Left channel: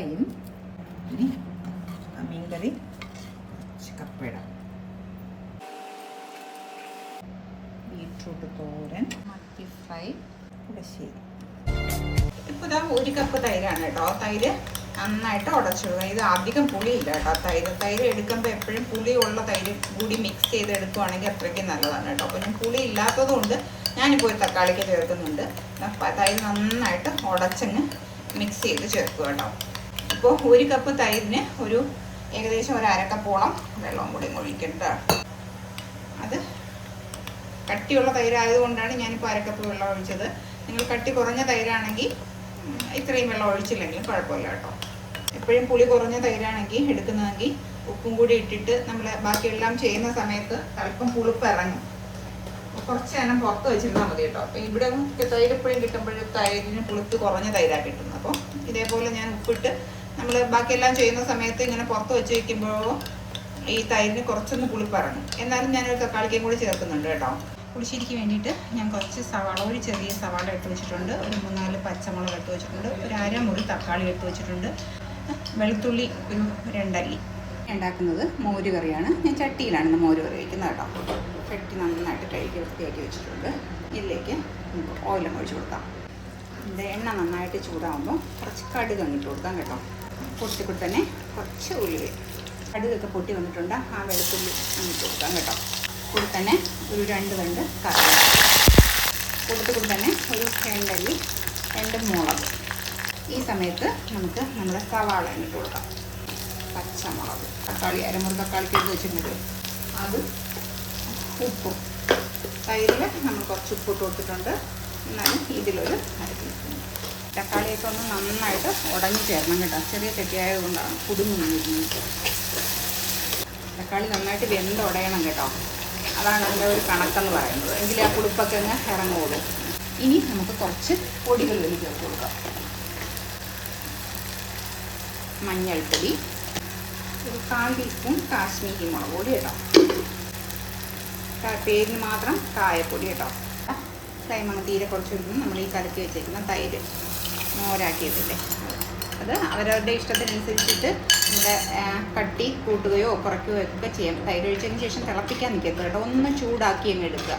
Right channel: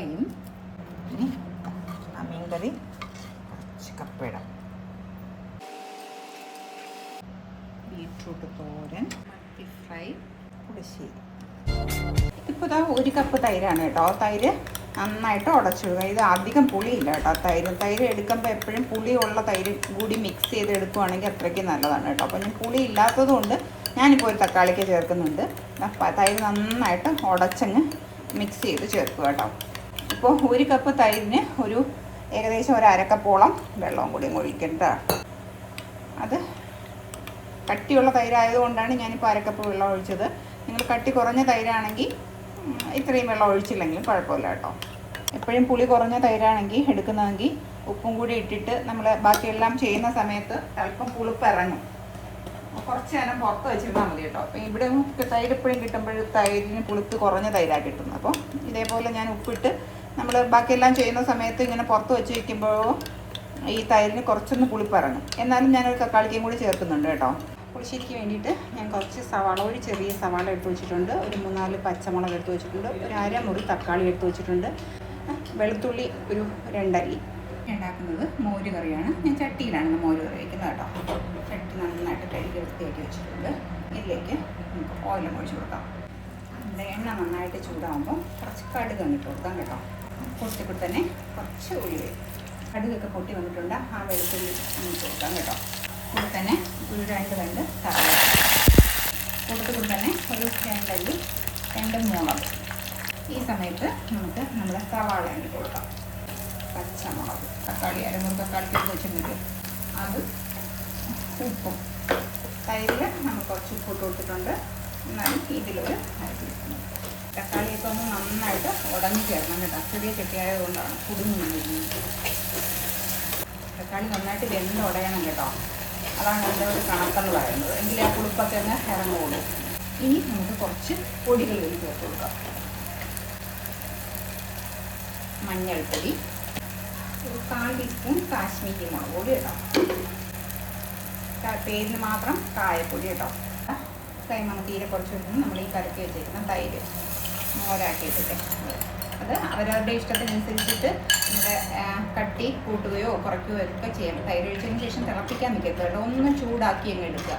കപ്പയും ഇനി ആ മീൻകറി കുറച്ച് കപ്പയിടാം. ബീട്രൂട്ട് തോരൻ, മത്തി ഫ്രൈ, പുളിശ്ശേരി. ഇപ്പോൾ ഇതാ 1 കപ്പ് തൈരാണ് കേട്ടോ. തൈര് നന്നായിട്ട് ഉടച്ചിടുക. ഇത് അധികം പുളിയില്ല കേട്ടോ. തൈര് എടുക്കുമ്പോൾ എപ്പോഴും പുളിയുള്ള തൈര് കൂടി മിക്സ് ചെയ്ത് എടുക്കുവാണെങ്കിൽ അത്രയ്ക്ക് നല്ലതാണ് കേട്ടോ. അപ്പോൾ ഞാൻ പുളി ഇല്ലാത്തത് കൊണ്ട് ഞാനിപ്പോൾ ഒരു തക്കാളിക്ക് ചേർക്കുന്നുണ്ട്. തൈര് നന്നായിട്ട് ഉടച്ചങ്ങ് മിക്സ് ചെയ്ത് ചേർക്കുക കേട്ടോ. ഇപ്പോൾ 1 കപ്പ് തൈരിന് ഏകദേശം ഒരു അരക്കപ്പോളം വെള്ളവും കൂടി ഒഴിക്കേണ്ടതാണ്. അത് കട്ടിയുള്ള തൈരായതുകൊണ്ടാണ് ഞാനിപ്പോൾ അരക്കപ്പ് വെള്ളം ഒഴിച്ചത്. നിങ്ങൾ കട്ടി കുറഞ്ഞ തൈരാണെങ്കിൽ ഇത്രയും വെള്ളം ഒഴിച്ചില്ലെങ്കിലും കുഴപ്പമില്ല കേട്ടോ. എപ്പോഴും പുളി കുറഞ്ഞ തൈരാണെങ്കിൽ എടുക്കുന്നതെങ്കിൽ ഉപ്പും കൂടി ഇട്ടിട്ട് നമ്മൾ ബാക്കിയെല്ലാം ചെയ്യുന്ന സമയത്ത് അല്പം പുളിപ്പ് ഇറങ്ങും. കുറച്ച് നേരം പുറത്ത് വെച്ചിരുന്നാൽ മതി കേട്ടോ. അപ്പം ഇവിടെ തൈര് എപ്പോഴും കിട്ടുമ്പോഴും തൈരിന് പുളിപ്പ് കുറഞ്ഞ തൈരാണ് കിട്ടുന്നത്. അപ്പം ഇതേപോലെ ഞാൻ ഉപ്പിട്ട് നമ്മൾ ബാക്കിയെല്ലാം ചെയ്യുന്ന സമയത്ത് ഇങ്ങനെ പുറത്ത് വെച്ച് വയ്ക്കുമ്പോൾ ഈ തൈരിന് കുറച്ചൊന്ന് പുളിപ്പ് ഇറങ്ങും. എന്നാലും ഞാനൊരു തക്കാളിക്കയും കൂടി ചേർക്കുന്നുണ്ട് കേട്ടോ. പുളിശ്ശേരിക്ക് വേണ്ടിയിട്ട് ഞാൻ കുറച്ച് സവാള, ഒരു ചെറിയ സവാള എടുത്ത് വെച്ചിട്ടുണ്ട്, ഒരു 3-4 പച്ചമുളക് എടുത്ത് വെച്ചിട്ടുണ്ട്, ഒരു അരമുറി തക്കാളി എടുത്ത് വെച്ചിട്ടുണ്ട്, വെളുത്തുള്ളി ഒരു 2 അല്ലി. ഉണ്ടാക്കുന്നത് മോര് കറിയാണ്. ഞാൻ ചട്ടിയിലാണ് മോര് കറി വയ്ക്കുന്നത് കേട്ടോ. ചട്ടി നന്നായിട്ട് കഴുകി വൃത്തിയാക്കി വെച്ചിട്ടുണ്ട്. ഇതിലേക്ക് നമുക്ക് ഓയിലൊക്കെ ഒഴിച്ച് കൊടുക്കാം. എണ്ണ നന്നായിട്ട് ചൂടാകുമ്പോൾ കുറച്ച് കടുക് ഇട്ട് കൊടുക്കാം കേട്ടോ. പൊട്ടിക്കൂടി തന്നെ കുറച്ച് ഉലുവ, കടുകൊക്കെ പൊട്ടി വന്നിട്ടുണ്ട്. ആ വെളുത്തുള്ളി കൊടുക്കാം കേട്ടോ. കൂടി തന്നെ ഒരു 2 കൂടി തന്നെ ഒരു 2 അല്ലി, 2 മുളക്. ഈ സമയത്ത് നമുക്ക് നമ്മുടെ സവാള ഇട്ട് കൊടുക്കാം. പച്ചമുളക്, തക്കാളി, അരമുറി തക്കാളിക്ക് എടുത്ത് വെച്ചിട്ടുണ്ട്, അത്, ഉപ്പും. തൈരിൽ നമ്മൾ കുറച്ച് ഉപ്പ് കൊടുത്തിട്ടുണ്ട്. എന്നാലും ഇതിലൊരു തക്കാളിയൊക്കെ ഒന്ന് നന്നായിട്ട് ഉടഞ്ഞ് ചേർന്ന് കേട്ടോ. ചെറിയ ചട്ടിയായതുകൊണ്ടാണ് കുടുങ്ങി വന്നിരിക്കുന്നത്. തക്കാളി നന്നായിട്ട് വെന്ത് ഉടയണം കേട്ടോ. അതാണ് എൻ്റെ ഒരു കണക്കെന്ന് പറയുന്നത്. എങ്കിൽ ആ പുളിപ്പൊക്കെ ഒന്ന് ഇറങ്ങുള്ളൂ. ഇനി നമുക്ക് കുറച്ച് പൊടികൾ ചേർത്ത് കൊടുക്കാം. മഞ്ഞൾപ്പൊടി, ഒരു 1/4 ടീസ്പൂൺ കാശ്മീരി മുളക് പൊടി കേട്ടോ. പേരിന് മാത്രം കായപ്പൊടി കേട്ടോ. ഫ്ലെയിം തീരെ കുറച്ചൊന്നും നമ്മൾ ഈ കലക്കി വെച്ചേക്കുന്ന തൈര് മോരാക്കിയിട്ടില്ലേ, അത് അവരവരുടെ ഇഷ്ടത്തിനനുസരിച്ചിട്ട് നമ്മുടെ കട്ടി കൂട്ടുകയോ കുറയ്ക്കുകയോ ഒക്കെ ചെയ്യാം. തൈര് ഒഴിച്ചതിന് ശേഷം തിളപ്പിക്കാൻ നിൽക്കരുത് കേട്ടോ. ഒന്ന് ചൂടാക്കി അങ്ങ് എടുക്കുക.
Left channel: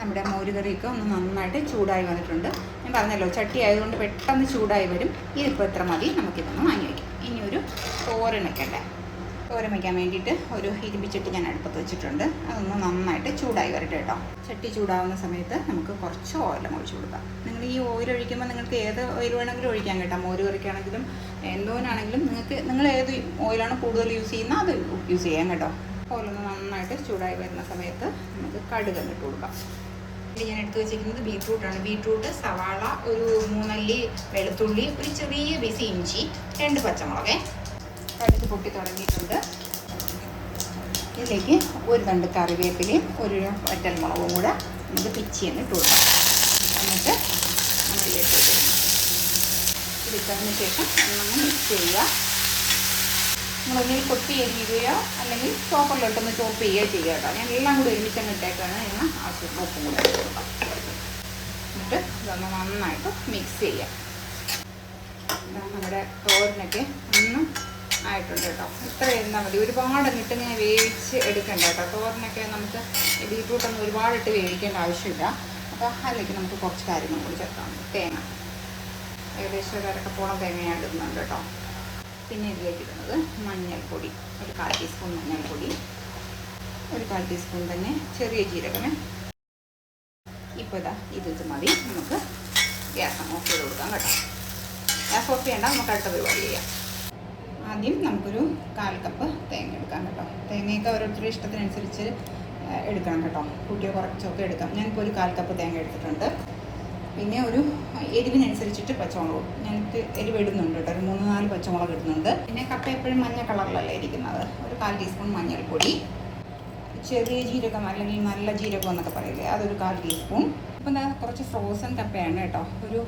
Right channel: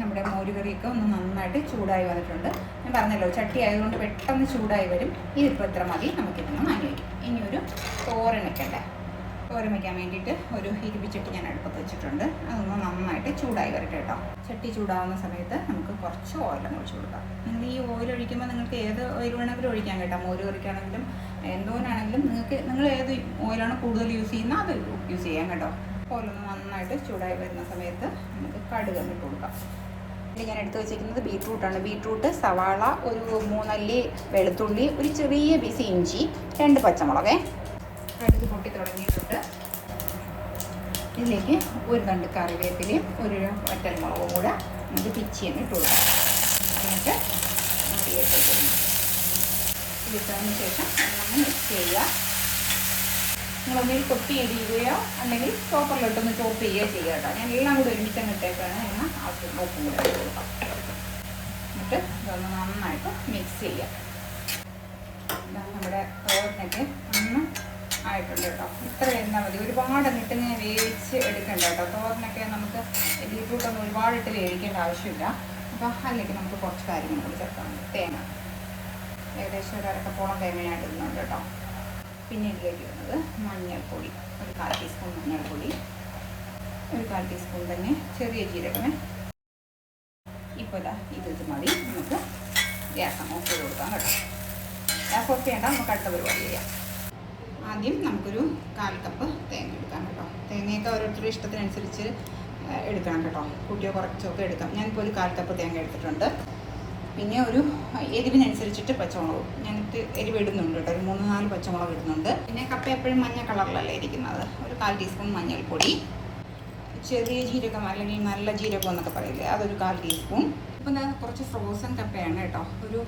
നമ്മുടെ മോരുകറിയൊക്കെ ഒന്ന് നന്നായിട്ട് ചൂടായി വന്നിട്ടുണ്ട്. ഞാൻ പറഞ്ഞല്ലോ ചട്ടി ആയതുകൊണ്ട് പെട്ടെന്ന് ചൂടായി വരും. ഇതിപ്പോൾ ഇത്ര മതി, നമുക്കിപ്പോൾ മാങ്ങി വയ്ക്കാം. ഇനി ഒരു തോരൻ വയ്ക്കണ്ടേ. തോരൻ വയ്ക്കാൻ വേണ്ടിയിട്ട് ഒരു ഇരുമ്പിച്ചട്ടി ഞാൻ അടുപ്പത്ത് വെച്ചിട്ടുണ്ട്. അതൊന്ന് നന്നായിട്ട് ചൂടായി വരട്ടെ കേട്ടോ. ചട്ടി ചൂടാവുന്ന സമയത്ത് നമുക്ക് കുറച്ച് ഓയിലും ഒഴിച്ച് കൊടുക്കാം. നിങ്ങൾ ഈ ഓയിൽ ഒഴിക്കുമ്പോൾ നിങ്ങൾക്ക് ഏത് ഓയിൽ വേണമെങ്കിലും ഒഴിക്കാൻ കേട്ടോ. മോര് കറിക്കാണെങ്കിലും എന്തോനാണെങ്കിലും നിങ്ങൾ ഏത് ഓയിലാണ് കൂടുതൽ യൂസ് ചെയ്യുന്നത് അത് യൂസ് ചെയ്യാം കേട്ടോ. ഓയിലൊന്ന് നന്നായിട്ട് ചൂടായി വരുന്ന സമയത്ത് നമുക്ക് കടുക് ഇട്ട് കൊടുക്കാം. ഇത് ഞാൻ എടുത്ത് വെച്ചിരിക്കുന്നത് ബീട്രൂട്ടാണ്. ബീട്രൂട്ട്, സവാള, ഒരു 3 അല്ലി വെളുത്തുള്ളി, ഒരു ചെറിയ പീസ് ഇഞ്ചി, 2 പച്ചമുളക്. കടുക് പൊട്ടി തുടങ്ങിയിട്ടുണ്ട്. ഇതിലേക്ക് ഒരു 2 കറിവേപ്പിലയും ഒരു വറ്റൽമുളകും കൂടെ നമുക്ക് പിച്ചിಯನ್ನು ഇട്ട് കൊടുക്കാം. എന്നിട്ട് ഇതിലേക്ക് ഇട്ടതിന് ശേഷം നന്നായി മിക്സ് ചെയ്യുക. നിങ്ങളൊന്നിൽ കൊത്തി എരിയുകയോ അല്ലെങ്കിൽ ചോപ്പറിലോട്ടൊന്ന് ചോപ്പ് ചെയ്യുകയോ ചെയ്യുക കേട്ടോ. ഞാൻ എല്ലാം കൂടി ഒരുമിച്ചങ്ങ് ഇട്ടേക്കാണ്. എന്നാൽ എന്നിട്ട് ഇതൊന്ന് നന്നായിട്ട് മിക്സ് ചെയ്യുക. നമ്മുടെ തോരനൊക്കെ ഒന്ന് ആയിട്ടുണ്ട് കേട്ടോ. ഇത്ര ഇരുന്നാൽ മതി. ഒരുപാട് ഇട്ട് ഇങ്ങനെ വേവിച്ച് എടുക്കണ്ട കേട്ടോ. തോരനൊക്കെ നമുക്ക് ബീട്രൂട്ടൊന്നും ഒരുപാടിട്ട് വേവിക്കേണ്ട ആവശ്യമില്ല. അപ്പോൾ അതിലേക്ക് നമുക്ക് കുറച്ച് കാര്യങ്ങൾ കൂടി ചേർക്കാം. തേങ്ങ, ഏകദേശം ഒരു അരക്കപ്പോളം തേങ്ങ ഞാൻ എടുക്കുന്നുണ്ട് കേട്ടോ. പിന്നെ ഇതിലേക്ക് ഇടുന്നത് മഞ്ഞൾപ്പൊടി, ഒരു 1/4 ടീസ്പൂൺ മഞ്ഞൾപ്പൊടി, ഒരു 1/4 ടീസ്പൂൺ തന്നെ ചെറിയ ജീരകം. ഇപ്പോൾ ഇത് മതി. നമുക്ക് ഗ്യാസ് ഓഫ് ചെയ്ത് കൊടുക്കാം കേട്ടോ. ഗ്യാസ് ഓഫ് ചെയ്യേണ്ട, നമുക്ക് അടുത്ത പരിപാടി ചെയ്യാം. ആദ്യം നമുക്കൊരു 1/4 കപ്പ് തേങ്ങ എടുക്കാം കേട്ടോ. തേങ്ങയൊക്കെ ഓരോരുത്തരുടെ ഇഷ്ടത്തിനനുസരിച്ച് എടുക്കണം കേട്ടോ. കൂട്ടിയോ കുറച്ചൊക്കെ എടുക്കാം. ഞാനിപ്പോൾ ഒരു 1/4 കപ്പ് തേങ്ങ എടുത്തിട്ടുണ്ട്. പിന്നെ ഒരു എരിവിനനുസരിച്ചിട്ട് പച്ചമുളക് ഞങ്ങൾക്ക് എരിവ് ഇടുന്നുണ്ട് കേട്ടോ. ഒരു 3-4 പച്ചമുളക് ഇടുന്നുണ്ട്. പിന്നെ കപ്പ എപ്പോഴും മഞ്ഞ കളറിലല്ല ഇരിക്കുന്നത്. ഒരു 1/4 ടീസ്പൂൺ മഞ്ഞൾപ്പൊടി, ചെറിയ ജീരകം അല്ലെങ്കിൽ നല്ല ജീരകം എന്നൊക്കെ പറയില്ലേ, അതൊരു 1/4 ടീസ്പൂൺ. ഇപ്പം കുറച്ച് ഫ്രോസൺ കപ്പയാണ് കേട്ടോ. ഒരു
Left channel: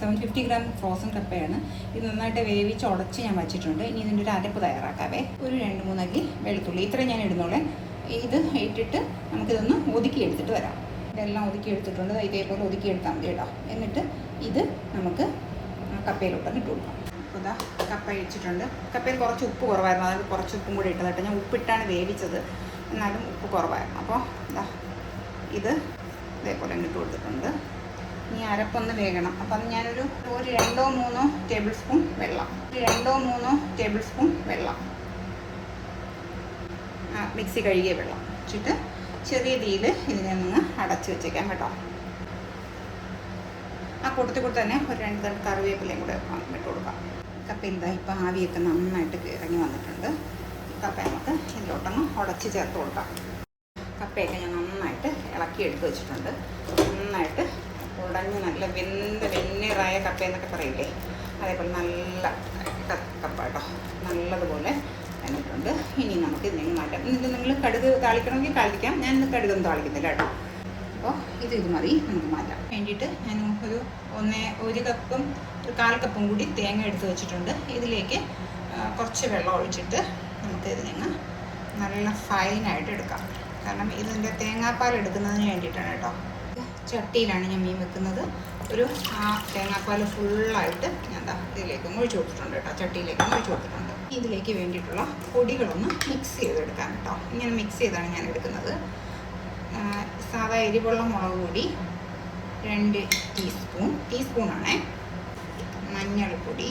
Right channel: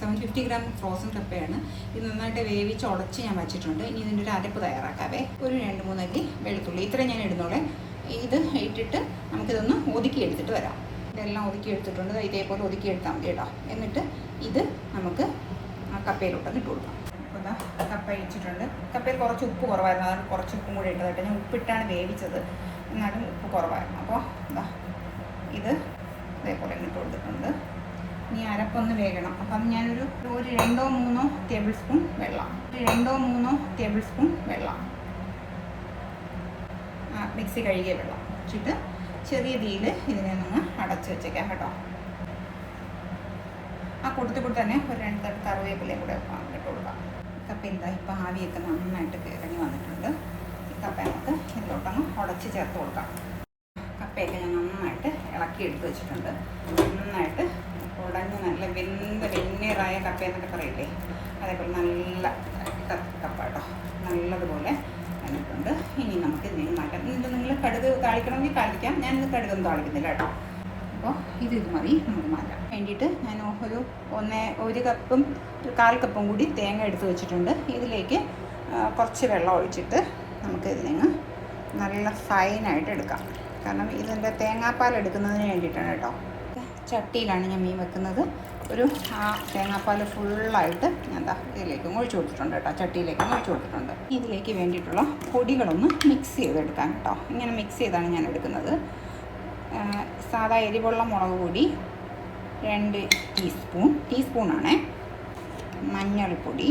750 ഗ്രാം ഫ്രോസൺ കപ്പയാണ്. ഇത് നന്നായിട്ട് വേവിച്ച് ഉടച്ച് ഞാൻ വച്ചിട്ടുണ്ട്. ഇനി ഇതിൻ്റെ ഒരു അരപ്പ് തയ്യാറാക്കാവേ. ഒരു 2-3 അല്ലി വെളുത്തുള്ളി, ഇത്രയും ഞാൻ ഇടുന്നുള്ളേ. ഇത് ഇട്ടിട്ട് നമുക്കിതൊന്ന് ഒതുക്കി എടുത്തിട്ട് വരാം. ഇതെല്ലാം ഒതുക്കി എടുത്തിട്ടുണ്ട്. ഇതേപോലെ ഒതുക്കി എടുത്താൽ മതി കേട്ടോ. എന്നിട്ട് ഇത് നമുക്ക് കപ്പയിലോട്ടൊന്ന് ഇട്ട് കൊടുക്കാം. ഇതാ കപ്പ ഇടിച്ചിട്ടുണ്ട്. കപ്പയിൽ കുറച്ച് ഉപ്പ് കുറവായിരുന്നു, അതായത് കുറച്ച് ഉപ്പും കൂടി ഇട്ടത് കേട്ടോ. ഞാൻ ഉപ്പിട്ടാണ് വേവിച്ചത്, എന്നാലും ഉപ്പ് കുറവായിരുന്നു. അപ്പോൾ ഇതാ ഇത് ഇതേപോലെ ഇട്ട് കൊടുത്തിട്ടുണ്ട്. ഇനി അരപ്പൊന്ന് വേകണം. അപ്പം ഞാനൊരു 2-3 ടേബിൾ സ്പൂൺ വെള്ളം, 2-3 ടേബിൾ സ്പൂൺ വെള്ളം, മിക്സി കഴുകിയ വെള്ളം വെച്ചിട്ട് ചെറിയ തീയിൽ ഇതിനെ ഒന്ന് അടച്ച് വെച്ചേക്കാം കേട്ടോ. ആ കൂട്ടത്തിൽ തന്നെ ഒരു 2 തണ്ട് കറിവേപ്പിലയും കൂടെ ഇട്ട് കൊടുക്കാം. കപ്പ എന്താ ഇപ്പം ആവിയൊക്കെ നന്നായിട്ട് ഇറങ്ങി വന്നിട്ടുണ്ട്. കപ്പ നമുക്ക് ഇതിലോട്ടൊന്ന് ഉടച്ച് ചേർത്ത് കൊടുക്കാം. കപ്പയൊക്കെ ഞാൻ നന്നായിട്ട് ഇളക്കി എടുത്ത് വെച്ചിട്ടുണ്ട്. നന്നായിട്ട് ഉടഞ്ഞ് നല്ല വെന്നീറായ കപ്പ എന്നൊക്കെ പറയില്ലേ, അതേപോലെ നല്ല കപ്പ കേട്ടോ, നല്ലതുപോലെ വന്നിട്ടുണ്ട്. ഇനി നമുക്ക് ഇതിനെ മാറ്റാം. ഇത് നിങ്ങൾ കടുക് താളിക്കണമെങ്കിൽ താളിക്കാം. ഞാനിത് കടുകൊന്നും താളിക്കുന്നില്ല കേട്ടോ. അപ്പോൾ ഇത് മതി, നമുക്ക് മാറ്റാം. വേണ്ടിയിട്ട് ഞാൻ ഒരു കപ്പും 1/4 കപ്പും കൂടി തേങ്ങ എടുത്ത് വെച്ചിട്ടുണ്ട്. ഇതിലേക്ക് കുറച്ച് വെള്ളം ഒഴിച്ചിട്ട് നമുക്ക് ഇതിനെ നല്ല ഫൈനായിട്ട് എടുക്കാം. കാരണം ഇതിൻ്റെ തേങ്ങാപ്പാൽ എടുക്കുന്നതിന് വേണ്ടിയിട്ടാണ് കേട്ടോ. ചട്ടിയിലാണ് ഞാൻ മീൻ വെക്കുന്നത്. ആ തേങ്ങാപ്പാൽ ഫുള്ളായിട്ട് ഞാൻ ഇതിലേക്ക് ഒഴിച്ചു കൊടുത്തിട്ടുണ്ട് കേട്ടോ. ചട്ടിയിലേക്ക് ഒഴിച്ചു കൊടുത്തിട്ടുണ്ട്. ഇതിലേക്ക് വേണ്ടിയിട്ടുള്ള പൊടികളൊന്ന് മിക്സ് ചെയ്തെടുക്കാം കേട്ടോ. ഇങ്ങനെ മിക്സ് ചെയ്താണ് ഞാൻ എടുക്കുന്നത്. സാധാ എരിവുള്ള മുളക് പൊടി 2 ടീസ്പൂണാണേ. മഞ്ഞൾപ്പൊടി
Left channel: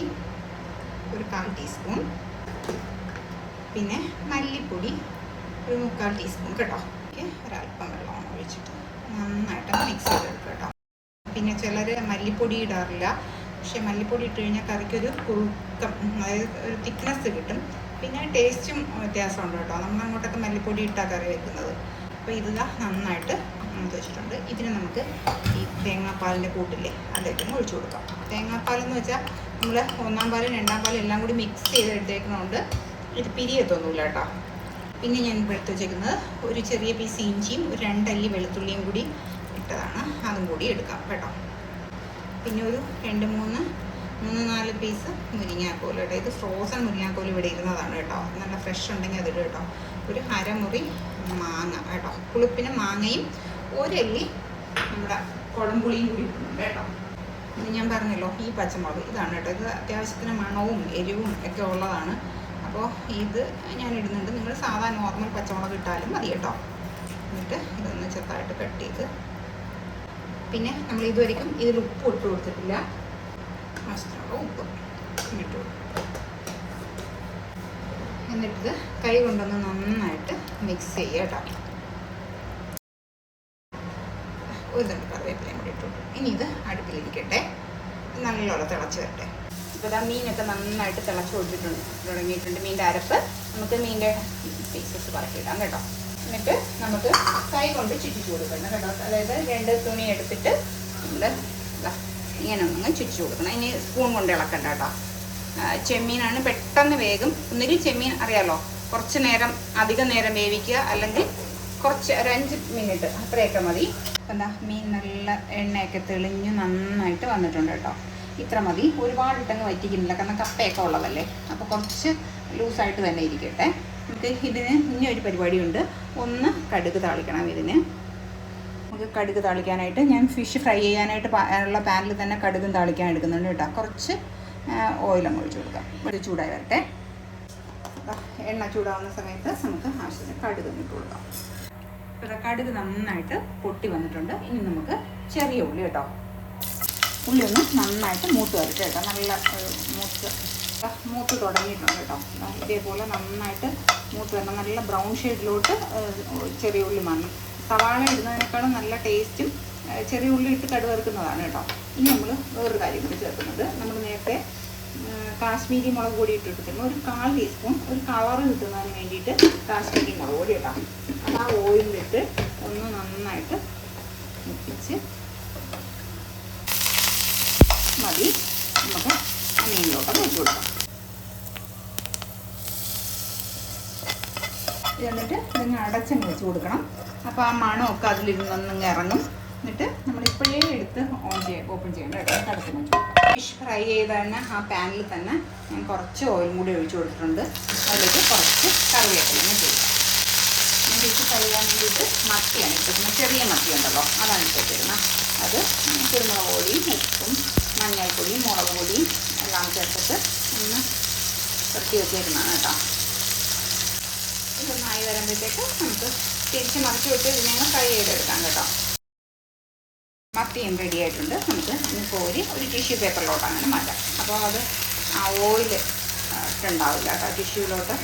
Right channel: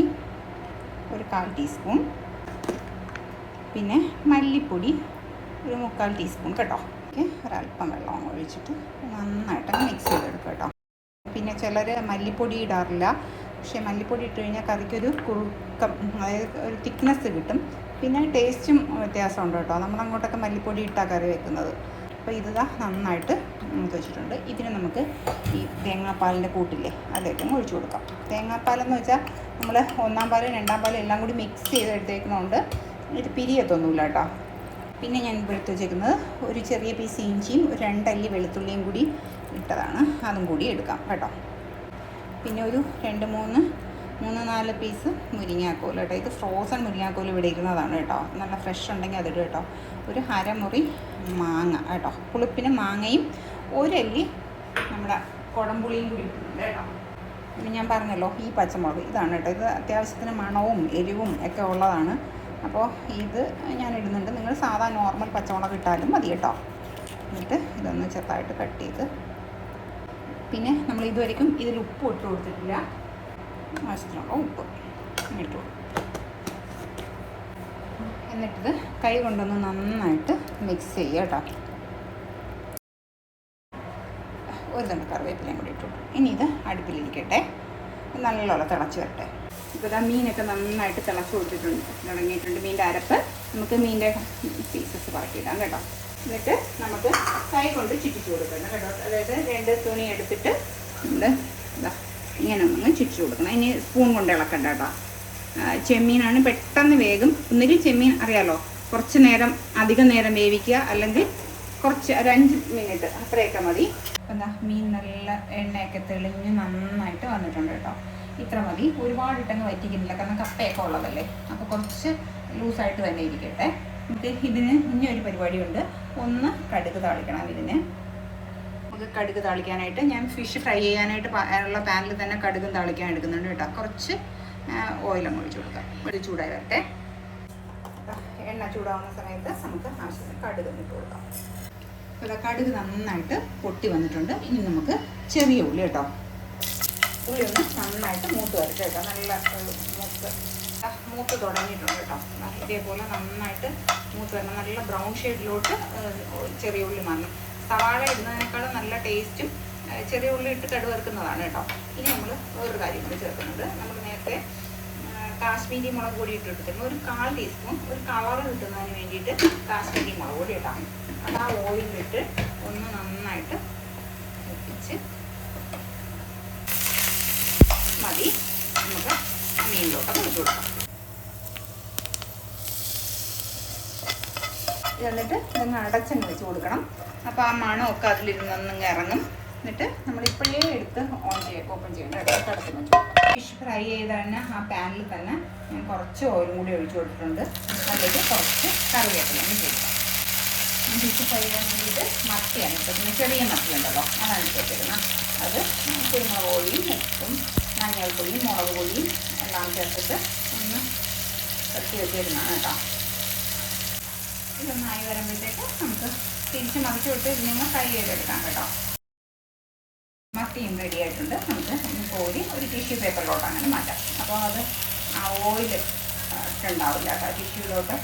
1/4 ടീസ്പൂൺ, പിന്നെ മല്ലിപ്പൊടി 1/4 ടീസ്പൂൺ കേട്ടോ. ഒരല്പം വെള്ളം ഒഴിച്ചിട്ട് നന്നായിട്ട് മിക്സ് ചെയ്തെടുക്കുക കേട്ടോ. പിന്നെ ചിലർ മല്ലിപ്പൊടി ഇടാറില്ല, പക്ഷേ മല്ലിപ്പൊടി ഇട്ട് കഴിഞ്ഞാൽ കറിക്കൊരു കുറുക്കം, അതായത് ഒരു തിക്നെസ് കിട്ടും. പിന്നെ ടേസ്റ്റും വ്യത്യാസമുണ്ട് കേട്ടോ. നമ്മളങ്ങോട്ടൊക്കെ മല്ലിപ്പൊടി ഇട്ടാണ് കറി വെക്കുന്നത്. അപ്പോൾ ഇതാ നന്നായിട്ട് വെച്ചിട്ടുണ്ട്. ഇതിന് നമുക്ക് ഈ തേങ്ങാപ്പാലിൻ്റെ കൂട്ടില്ലേ അതിലേക്ക് ഒഴിച്ചു കൊടുക്കാം. തേങ്ങാപ്പാലെന്ന് വെച്ചാൽ നമ്മൾ 1-ാം പാലും 2-ാം പാലും എല്ലാം കൂടി മിക്സ് ചെയ്തെടുത്തേക്കുന്നതുകൊണ്ട് ഇത് പിരിയത്തൊന്നുമില്ല കേട്ടോ. പിന്നെ ഞാൻ എടുത്ത് വെച്ചേക്കുന്നത് ഒരു ചെറിയ പീസ് ഇഞ്ചിയും 2 അല്ലി വെളുത്തുള്ളിയും കൂടി ഇട്ടതാണ്, അതും കൂടി എടുക്കാം കേട്ടോ. പിന്നെ ഒരു 2-3-4 പീസ് മുരിങ്ങാക്കോൽ കേട്ടോ. ഇത് ഫ്രോസൺ മുരിങ്ങാക്കോൽ ഇവിടെ ഇരുന്നതാണ് കേട്ടോ. നല്ല ഫ്രഷ് ഉണ്ടെങ്കിൽ അതിൽ കേട്ടോ. ഒരു 1/2 മുറി മാങ്ങ കേട്ടോ. പുളിപ്പിന് മാങ്ങയും 1 അല്ലി നമ്മുടെ കുടംപുളിയും കൂടി ഇട്ടിട്ടുണ്ട് കേട്ടോ. പിന്നെ ഞാൻ പറഞ്ഞല്ലോ ഈ പച്ചമുളക് ഇതാണ് കേട്ടോ. ഇത് അത്യാവശ്യത്തിന് മണവും എരിവും ഒക്കെ ഉള്ളതാണ്. അപ്പോൾ ഇത് ഞാൻ ഇടുന്നുണ്ട്. നിങ്ങൾ സാധാ നോർമൽ പച്ചമുളക് ഇട്ടാലും മതി കേട്ടോ. എന്നിട്ട് ഇതൊന്ന് ചെറുതായിട്ട് കട്ട് ചെയ്ത്, പിന്നെ നമ്മൾ ഇതുവരെയും ഇതിൽ ഉപ്പ് ഇട്ട് കൊടുത്തിട്ടില്ല. ആവശ്യത്തിനുള്ള ഉപ്പ് ഇട്ടു. എന്നിട്ട് കൈ കൊണ്ടൊന്ന് നന്നായിട്ട് മിക്സ് ചെയ്യുക കേട്ടോ. ഒരു തന്നെ കറിവേപ്പിലയും കൂടി ഇട്ടു. ഇനി ഇത് അടുപ്പിലിരിക്കട്ടെ, നല്ലോണം തിളച്ച് വരട്ടെ. ഇപ്പോൾ ഇതാ മീനൊക്കെ നന്നായിട്ട് തിളച്ച് കൊടുത്തിട്ടുണ്ട്, തുടങ്ങിയിട്ടുണ്ട്. മീൻ്റെ അരപ്പ് നമുക്ക് മീൻ്റെ പീസസ് പറക്കിയിടാം കേട്ടോ. എന്നിട്ട് നമുക്ക് കൈ കൊണ്ട് ചുറ്റിച്ച് കൊടുക്കണം കേട്ടോ. അതായത് 2 തുണി എടുത്തിട്ട് നമ്മൾ ഇങ്ങനെ ഒന്ന് ചുറ്റിച്ച് കൊടുക്കണം. ഇനി സ്പൂൺ കൊണ്ട് ഇളക്കണ്ട കേട്ടോ. ചെമ്മീനാണ് പെട്ടെന്ന് വേഗം. ഒന്നുകിൽ ചെമ്മീൻ അറിയാലോ, കുറച്ച് നേരം അധികം നേരം വേവിക്കുക, അല്ലെങ്കിൽ കുറച്ച് ഒരു 5 മിനിറ്റ് അത്രയൊക്കെ മതി. എന്താ മീൻ നല്ല എണ്ണയൊക്കെ തെളിഞ്ഞ് നന്നായിട്ട് വന്നിട്ടുണ്ട് കേട്ടോ. ഇത്ര മതി. ഒരുപാട് ഇട്ടങ്ങ് വറ്റിക്കുന്നില്ല, കാരണം കപ്പയൊക്കെ ഉള്ളതല്ലേ. അപ്പോൾ കുറച്ച് ലൂസായിട്ട് തന്നെ ഇരിക്കട്ടെ. നമുക്ക് ഇതിന് ഇനി ഒരു പരിപാടിയുണ്ട്. ഒന്ന് കടുക് താളിക്കണം. നമുക്ക് കടുക് താളിക്കാനായിട്ട് ഞാൻ ഫിഷ് ഫ്രൈ ചെയ്യാനായിട്ട് ഉള്ള പാനിൽ തന്നെ കടുകും താളിക്കാൻ എടുക്കുന്നുണ്ട് കേട്ടോ. കുറച്ച് ഓയിലും ഒഴിച്ച് കൊടുക്കാം. അത് ചൂടായി വരട്ടെ. എണ്ണ ചൂടാവുന്ന സമയത്ത് നമുക്ക് ആവശ്യത്തിന് കടുക് ഇട്ട് കൊടുക്കാം. അപ്പോൾ കടുക് നന്നായിട്ട് പൊട്ടി വന്നിട്ടുണ്ട്. ഇനി നമുക്ക് ചെറിയ ഉള്ളി കേട്ടോ. ഉള്ളി ഒന്ന് നന്നായിട്ട് മൂത്ത് വരട്ടെ കേട്ടോ. നല്ല മൂത്ത് തുടങ്ങിയിട്ടുണ്ട് കേട്ടോ. ഇതേപോലെ നന്നായിട്ട് മൂത്ത് വരണം. നല്ല ബ്രൗൺ ഷെയ്ഡിലോട്ട് ചെറിയ ഉള്ളി മാറണം. സവാള ഇടുന്നതിനേക്കാളും നല്ല ടേസ്റ്റും ചെറിയ ഉള്ളി ഇട്ട് കടുക് വറുക്കുന്നതാണ് കേട്ടോ. ഇനി നമ്മൾ വേറൊരു കാര്യം കൂടി ചേർക്കുന്നത്, നമ്മൾ നേരത്തെ കാശ്മീരി മുളക് പൊടി ഇട്ടെടുത്തിരുന്നു. ഒരു 1/4 ടീസ്പൂൺ, ഒരു കളറ് കിട്ടുന്നതിന് വേണ്ടിയിട്ട് കാശ്മീരി മുളക് പൊടി കേട്ടോ. അത് ആ ഓയിലിട്ട് ഒന്ന് നന്നായിട്ട് മുപ്പിച്ച് മതി. നമുക്ക് മീനിലോട്ട് ഒഴിച്ച് കൊടുക്കാം. എന്നിട്ട് ഇതൊന്ന് അടച്ചങ്ങ് വെച്ച് കൊടുക്കണം. അപ്പോൾ ആ മണമൊക്കെ അതിലിരുന്നൊന്നും ഇറങ്ങും. എന്നിട്ട് നമ്മളിപ്പോഴേ എടുത്ത് ഓപ്പൺ ചെയ്യേണ്ട കേട്ടോ. അടച്ചു വെച്ചു. ഫിഷ് ഫ്രൈ ചെയ്ത് തന്നെ ആ പാനിൽ തന്നെ ഞാൻ കുറച്ച് ഓയിലും കൂടി ഒഴിച്ച് കൊടുത്തിട്ടുണ്ട്. അതിലേക്ക് കുറച്ച് കറിവേപ്പിലയും ചെയ്യും. ഫിഷ് ഫ്രൈ ചെയ്യാൻ വേണ്ടിയിട്ട് മത്തിയാണ് ഇട്ടിരുന്നത്. ചെറിയ മത്തി ഉണ്ടല്ലോ, അതാണ് ഇട്ടിരുന്നത്. അത് കുരുമുളക് പൊടിയും ഉപ്പും മഞ്ഞൾപ്പൊടിയും മുളക് പൊടിയും എല്ലാം ചേർത്തിട്ട് കത്തി വെച്ചിരുന്നാണ് കേട്ടോ. ഇതൊന്നായി വരുമ്പോഴത്തേക്ക് നമുക്ക് തിരിച്ച് മറിച്ച് വിട്ട് ഇതിനെ ഫ്രൈ ചെയ്തെടുക്കാം കേട്ടോ. മത്തിയും റെഡി ആയിട്ടുണ്ട്. നമുക്ക് കോരി ഒരു ടിഷ്യൂ പേപ്പറിലോട്ടാണ് മാറ്റാം. അപ്പോൾ അത് ആ ഓയിൽ ഉണ്ടാവില്ല കേട്ടോ ടിഷ്യൂലോട്ട്.